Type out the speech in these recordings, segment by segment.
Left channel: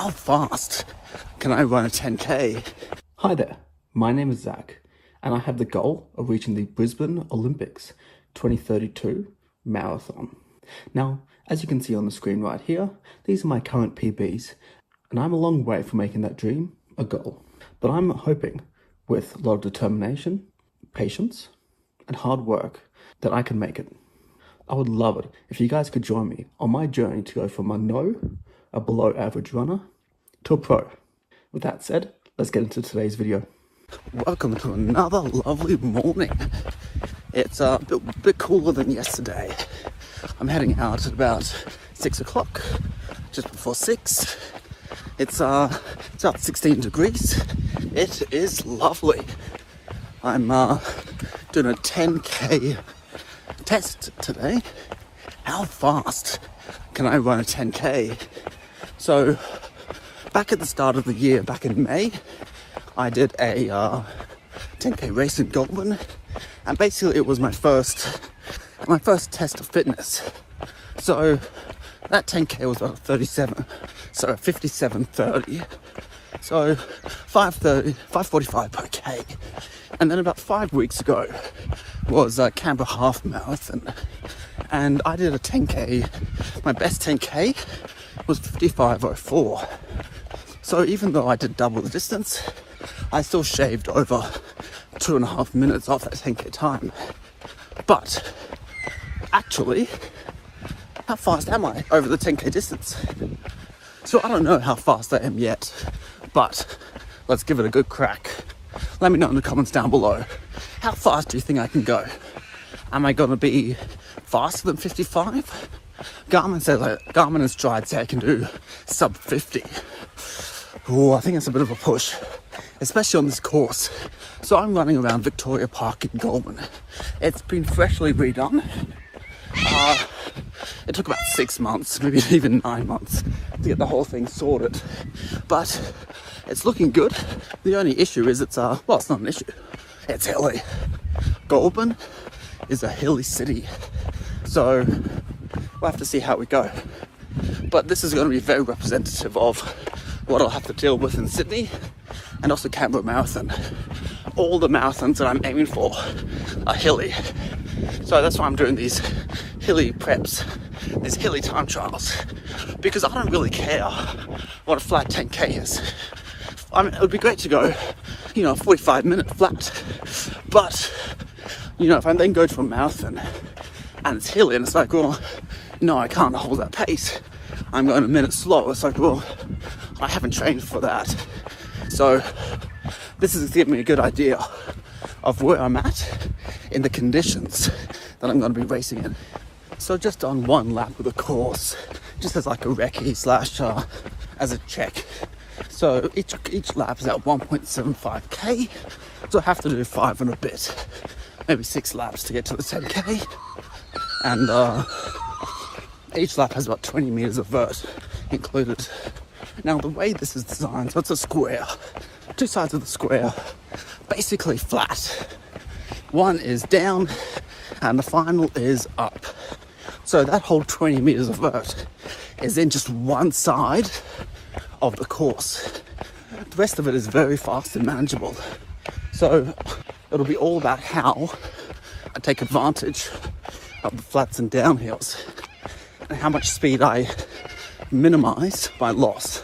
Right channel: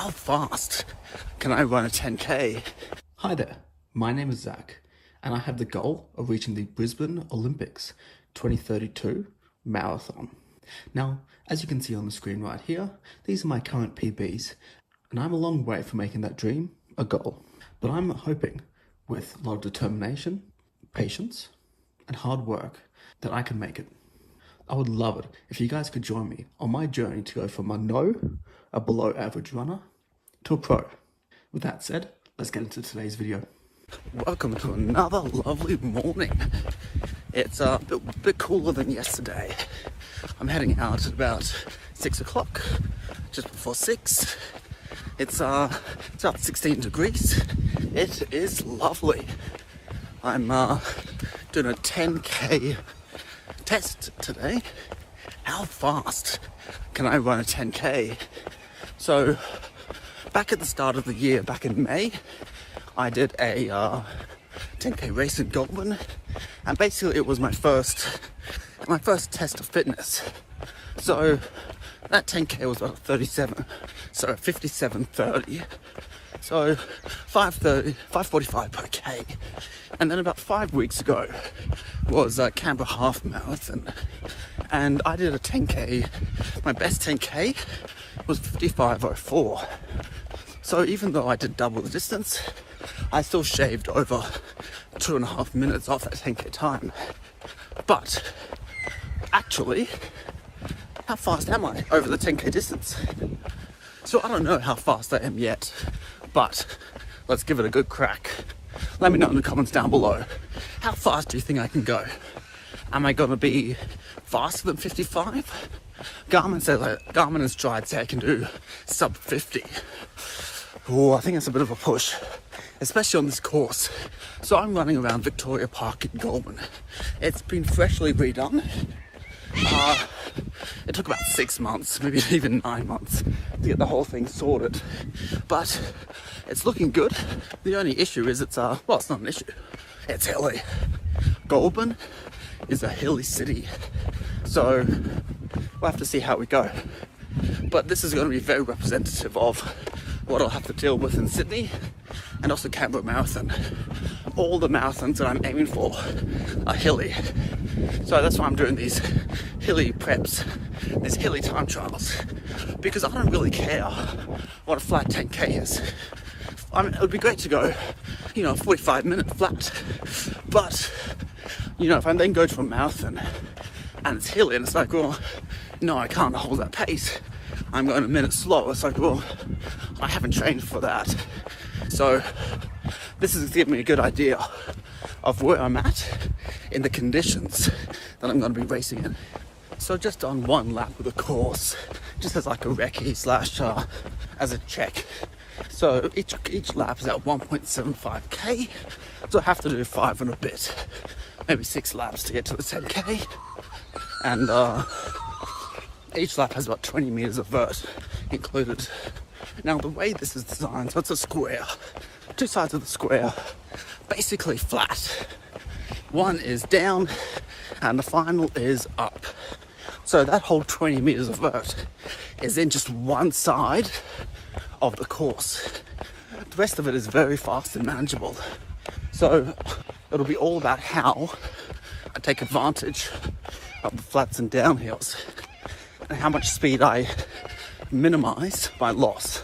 How fast can I run a 10K? Hi there, my name is Zach, and I have the goal of reaching the Brisbane Olympics 2032 marathon. Now, as you can see on the screen right here, these are my current PBs, and I'm a long way from making that dream a goal. But I'm hoping, with a lot of determination, patience, and hard work, that I can make it. I would love it if you guys could join me on my journey to go from a below average runner, to a pro. With that said, let's get into today's video. Welcome to another lovely morning. It's a bit cooler than yesterday. I'm heading out at about 6 o'clock, just before 6. It's about 16 degrees. It is lovely. I'm doing a 10K test today. How fast can I run a 10K? So back at the start of the year, back in May, I did a 10K race in Goulburn, and basically it was my first test of fitness. So that 10K was about 57:30. So 5:45 per K. And then about 5 weeks ago was Canberra Half Marathon, and I did a 10K. My best 10K was 55:04. So even though I did double the distance, I still shaved over 2.5 minutes off that 10K time. But actually, how fast am I over the 10K distance? So I don't know how fast I am yet, but let's give it a good crack. Let me know in the comments down below. How fast do you think I can go? Am I going to be faster than 55? Garmin and Stride say I can do sub 50. Oh, I think it's a bit of a push, especially on this course. So I'm running around Victoria Park in Goulburn. It's been freshly redone. It took about 6 months, maybe even 9 months to get the whole thing sorted. But it's looking good. The only issue is it's not an issue. It's hilly. Goulburn is a hilly city. So we'll have to see how we go. But this is going to be very representative of what I'll have to deal with in Sydney and also Canberra Marathon. All the marathons that I'm aiming for are hilly. So that's why I'm doing these hilly preps, these hilly time trials, because I don't really care what a flat 10K is. I mean, it would be great to go, 45-minute flat. But, if I then go to a marathon and it's hilly and it's like, well, no, I can't hold that pace. I'm going a minute slow. It's like, well, I haven't trained for that. So this is giving me a good idea of where I'm at in the conditions that I'm going to be racing in. So just on one lap of the course, just as like a recce / as a check. So each lap is at 1.75K. So I have to do 5 and a bit, maybe 6 laps to get to the 10K. And each lap has about 20 meters of vert included. Now the way this is designed, so it's a square, 2 sides of the square, basically flat. One is down and the final is up. So that whole 20 meters of vert is in just one side of the course. The rest of it is very fast and manageable. So it'll be all about how I take advantage of the flats and downhills, and how much speed I minimize my loss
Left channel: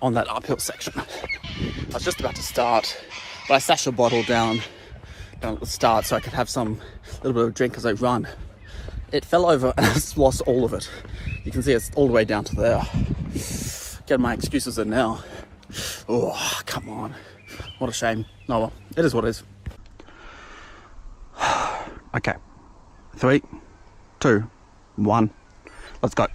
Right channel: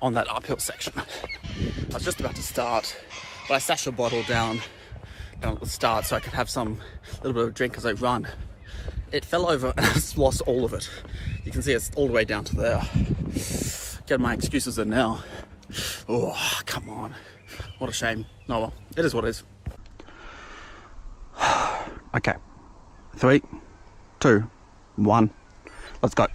on that uphill section. I was just about to start, but I stashed a bottle down at the start so I could have little bit of a drink as I run. It fell over and I just lost all of it. You can see it's all the way down to there. Get my excuses in now. Oh, come on. What a shame. Oh well, it is what it is. Okay. 3, 2, 1. Let's go.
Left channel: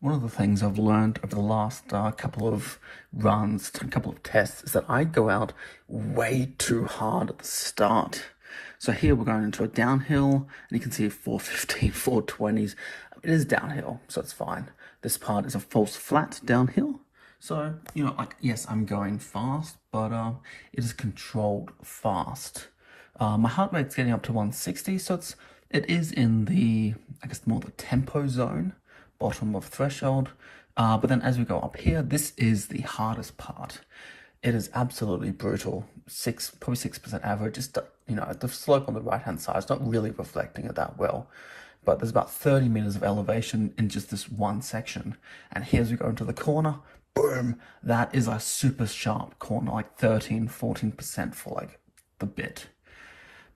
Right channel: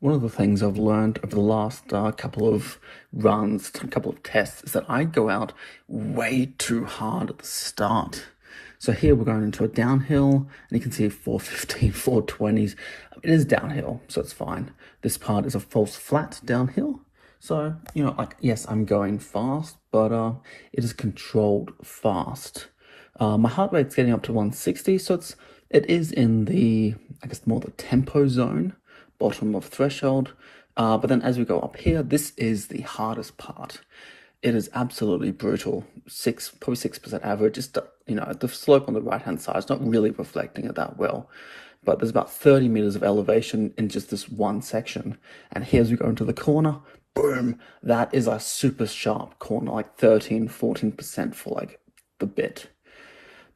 One of the things I've learned over the last couple of runs, a couple of tests, is that I go out way too hard at the start. So here we're going into a downhill, and you can see 415, 420s. It is downhill, so it's fine. This part is a false flat downhill. So, yes, I'm going fast, but it is controlled fast. My heart rate's getting up to 160, so it is in the, more the tempo zone, bottom of threshold. But then as we go up here, this is the hardest part. It is absolutely brutal. Probably 6% average. Just, the slope on the right-hand side is not really reflecting it that well. But there's about 30 meters of elevation in just this one section. And here as we go into the corner, boom, that is a super sharp corner, like 13, 14% for like the bit.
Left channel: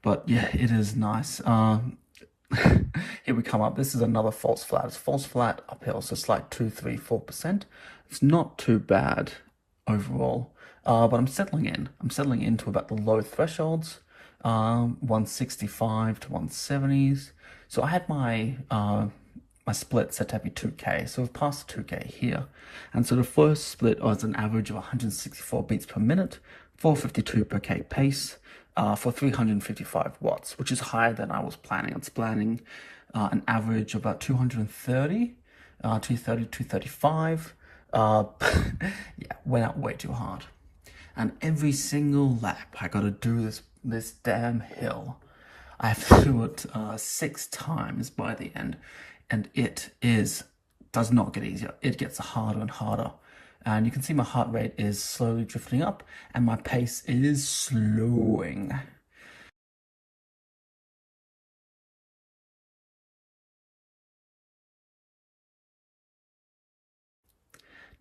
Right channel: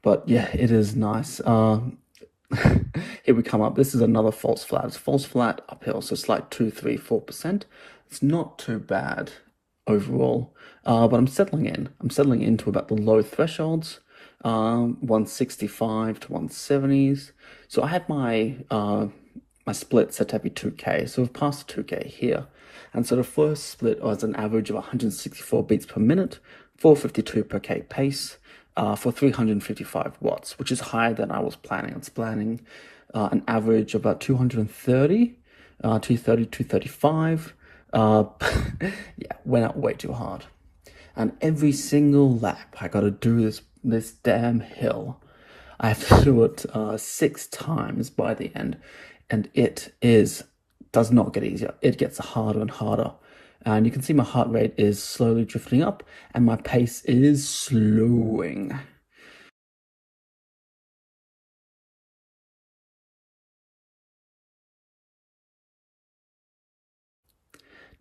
But yeah, it is nice. Here we come up. This is another false flat. It's false flat uphill, so it's like 2, 3, 4%. It's not too bad overall, but I'm settling in. I'm settling into about the low thresholds, 165 to 170s. So I had my my split set to be 2K, so we've passed 2K here. And so the first split was an average of 164 beats per minute, 452 per K pace, for 355 watts, which is higher than I was planning. I was planning an average of about 230, 235. Yeah, went out way too hard. And every single lap, I got to do this damn hill. I have to do it 6 times by the end, and does not get easier. It gets harder and harder. And you can see my heart rate is slowly drifting up and my pace is slowing.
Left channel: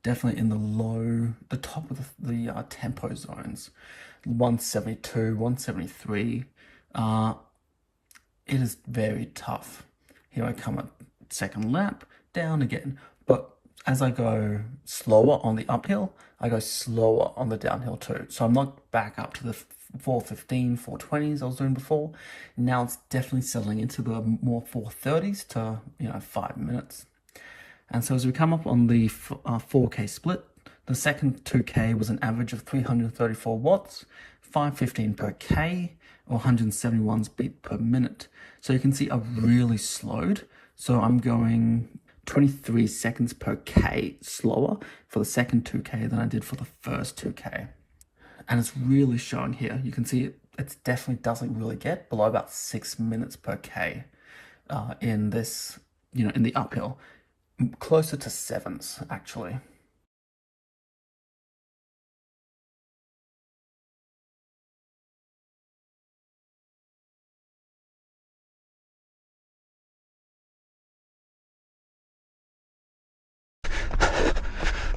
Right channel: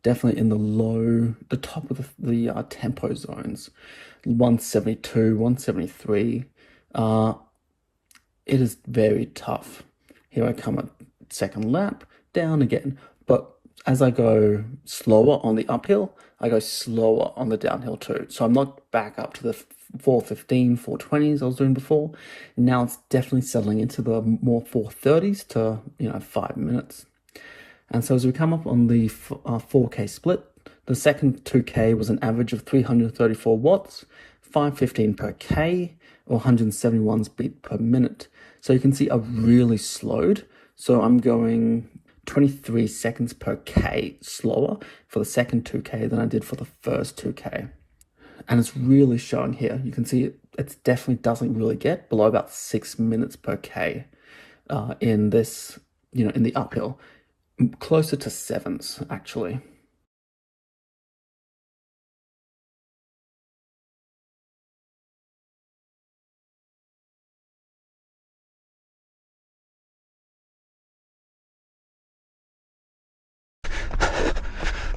Definitely in the top of the tempo zones, 172, 173. It is very tough. Here I come at second lap, down again. But as I go slower on the uphill, I go slower on the downhill too. So I'm not back up to the 415, 420s I was doing before. Now it's definitely settling into the more 430s to, 5 minutes. And so as we come up on the 4K split, the second 2K was an average of 334 watts, 515 per K, or 171 beat per minute. So you can see I've really slowed. So I'm going 23 seconds per K slower for the second 2K than I did for the first 2K. And it's really showing here. You can see it definitely doesn't really get below about 6 minutes per K in this, in the uphill. Closer to 7s, actually.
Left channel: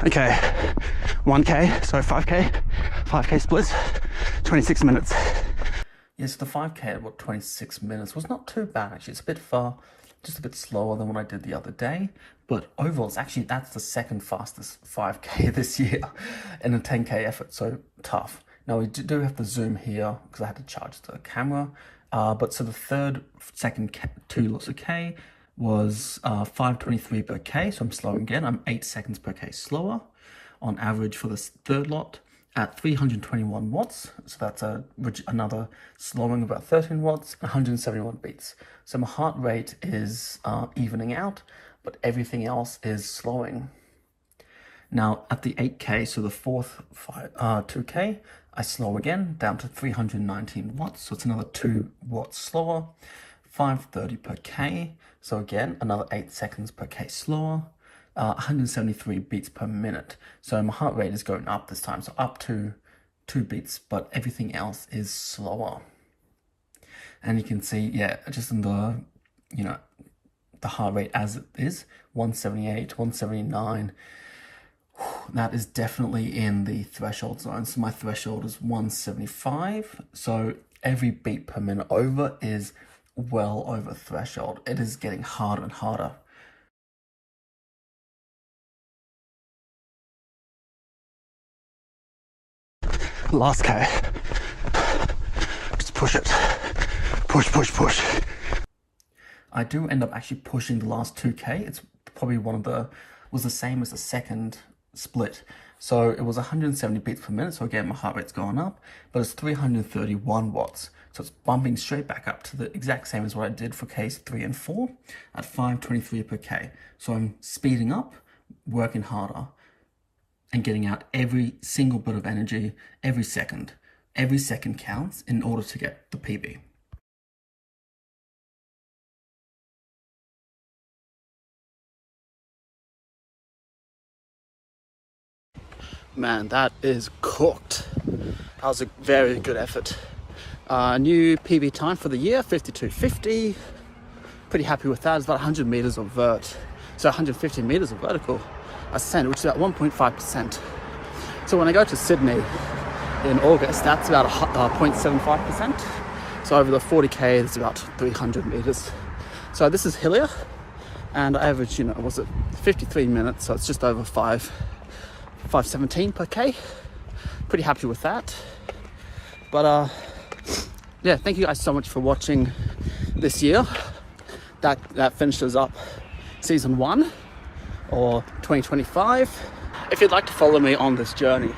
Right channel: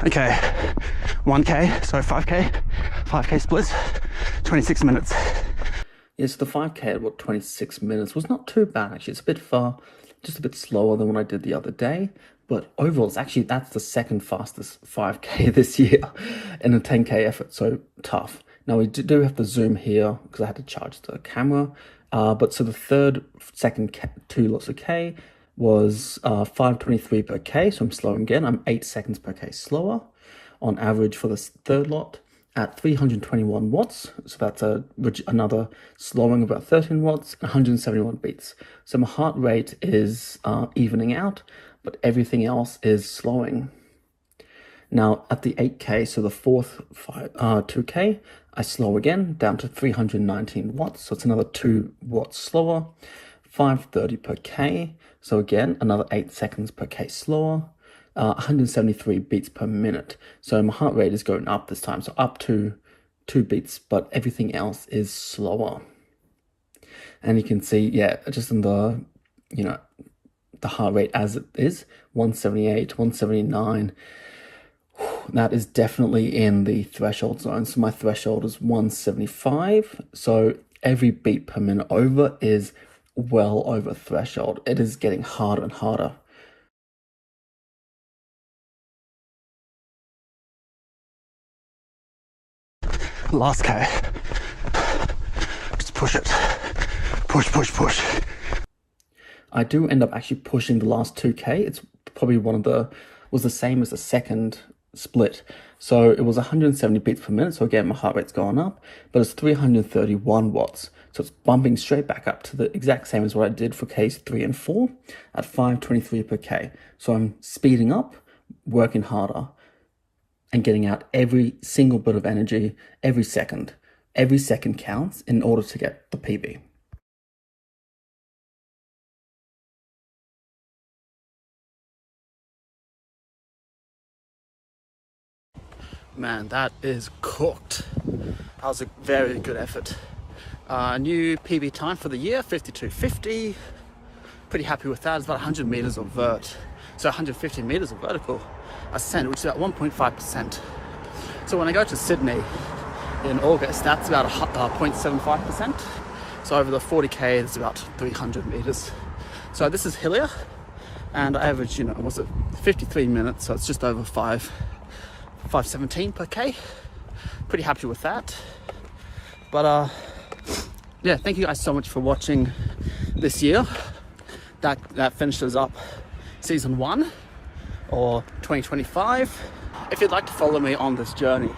Okay, 1K, so 5K splits, 26 minutes. Yes, the 5K at about 26 minutes was not too bad, actually. It's a bit far, just a bit slower than what I did the other day. But overall, that's the second fastest 5K this year in a 10K effort, so tough. Now, we do have to zoom here because I had to charge the camera. But so the second 2 lots of K was 523 per K, so I'm slowing again. I'm 8 seconds per K slower on average for the third lot at 321 watts. So that's another slowing of about 13 watts, 171 beats. So my heart rate is evening out, but everything else is slowing. Now at the 8K, so the fourth 2K, I slow again down to 319 watts. So it's another 2 watts slower. 530 per K, so again, another 8 seconds per K slower, 173 beats per minute. So my heart rate is going up this time, so up to 2 beats, but everything else is slower. And you can see, yeah, just in the, the heart rate as it is, 178, 179, that is definitely in the threshold zone. So my threshold is 175, so every beat per minute over is well over threshold. It is getting harder and harder. Last K. Just push it. Push. I do end up actually pushing the last 2K. It's probably was the same as the second split. So it was 170 beats per minute. So again, my heart rate's gone up, but it's 331 watts. So it's bumping straight back up to the exact same as what I did for Ks 3 and 4 at 523 per K. So I'm speeding up, working harder, and getting out every single bit of energy every second. Every second counts in order to get the PB. Man, that is cooked. That was a very good effort. New PB time for the year, 52.50. Pretty happy with that. It's about 100 meters of vert. So 150 meters of vertical ascent, which is about 1.5%. So when I go to Sydney in August, that's about 0.75%. So over the 40k, it's about 300 meters. So this is hillier, and I average, was it 53 minutes? So it's just over 517 per k. Pretty happy with that. But yeah, thank you guys so much for watching this year. That finishes up season 1 or 2025. If you'd like to follow me on this journey,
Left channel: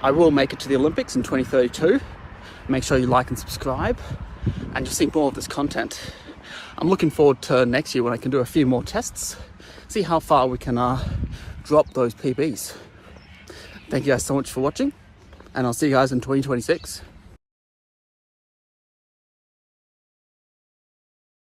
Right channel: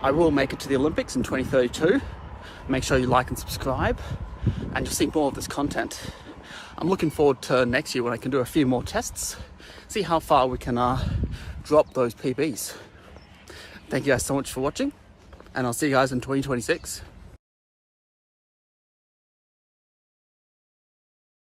I will make it to the Olympics in 2032. Make sure you like and subscribe, and you'll see more of this content. I'm looking forward to next year when I can do a few more tests, see how far we can drop those PBs. Thank you guys so much for watching, and I'll see you guys in 2026.